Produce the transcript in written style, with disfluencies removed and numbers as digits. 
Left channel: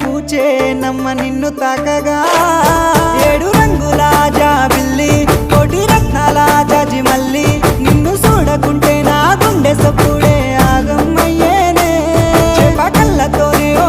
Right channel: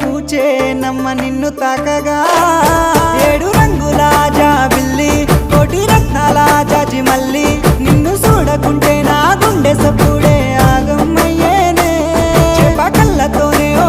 పూచే నమ్మ నిన్ను తాకగా ఏడు రంగుల జాబిల్లి కోటి రత్నాల జాజి మల్లి నిన్ను చూడకుంటే నా గుండె సప్పుడే ఆగమ్మయ్యేనే చేప కళ్ళతోనే ఓ